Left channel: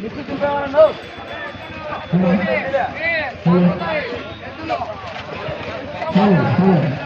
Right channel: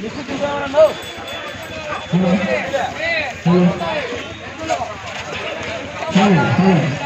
నిక్కు తింటామన్నా Hello, hello.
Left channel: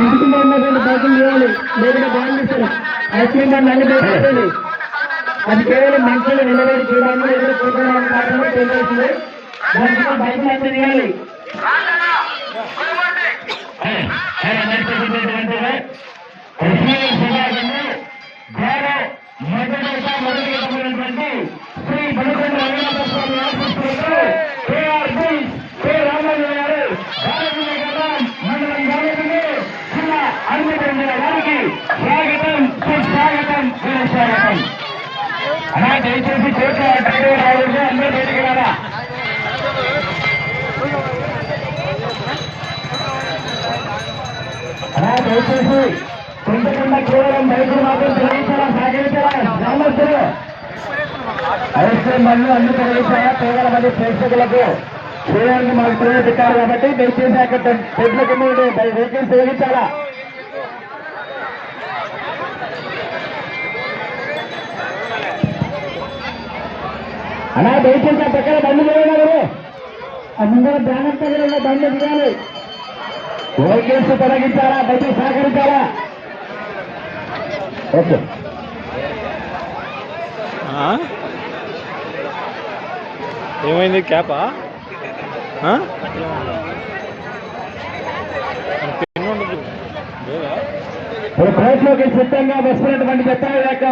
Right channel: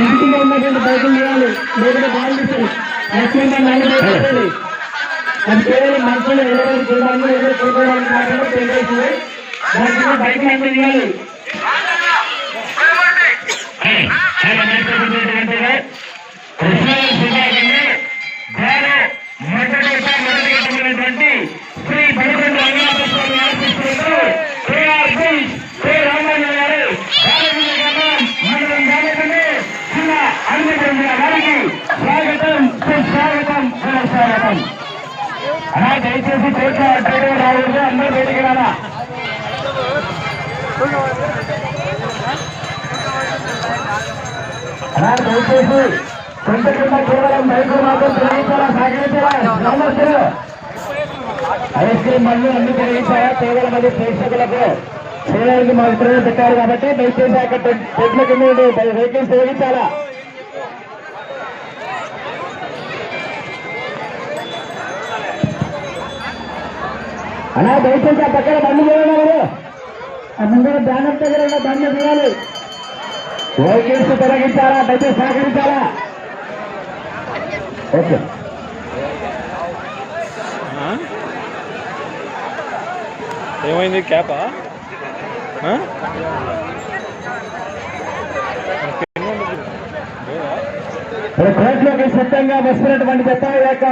ఇంటికి ఉన్నటువంటి బైకులు చేయాలి లేకుంటే బాగుంటుంది ముఖ్యంగా నైట్ అయిపోయింది అది కేవలం మనుషులు ఎవరెవరు చూడాలి ఎవరు చూడాలని మాత్రమే తెలియజేసింది దానికి బైక్ అయితే ఇవ్వాలి దయచేసి దయచేసి చేతులు కింద కేవలం రైతులు మాత్రం తెలియచాలా సాగించాలా గ్రామస్తులు ఐస్ క్రీమ్ బండ్లు అన్ని కలిగించాయా కేవలం అది ప్రేక్షకులకు శ్రీనగర్కి మాకు పెట్టారు కాబట్టి దయచేసి అక్కడ పెట్ల కమ్యూనిటీ వెహికల్స్ తొలగించాలా? అలా దయచేసి ఆ పక్కన బండి పోయినా ఎవరు ఆ ముందర బ్యానర్ దగ్గర ఉన్న బండి తీయాలి. వెహికల్స్ తొలగించాలా? దయచేసి సహకరించాలా? ఓకే? ఏమైంది క్యాపా? రేట్లోకి సిద్ధంగా జత ఈ యొక్క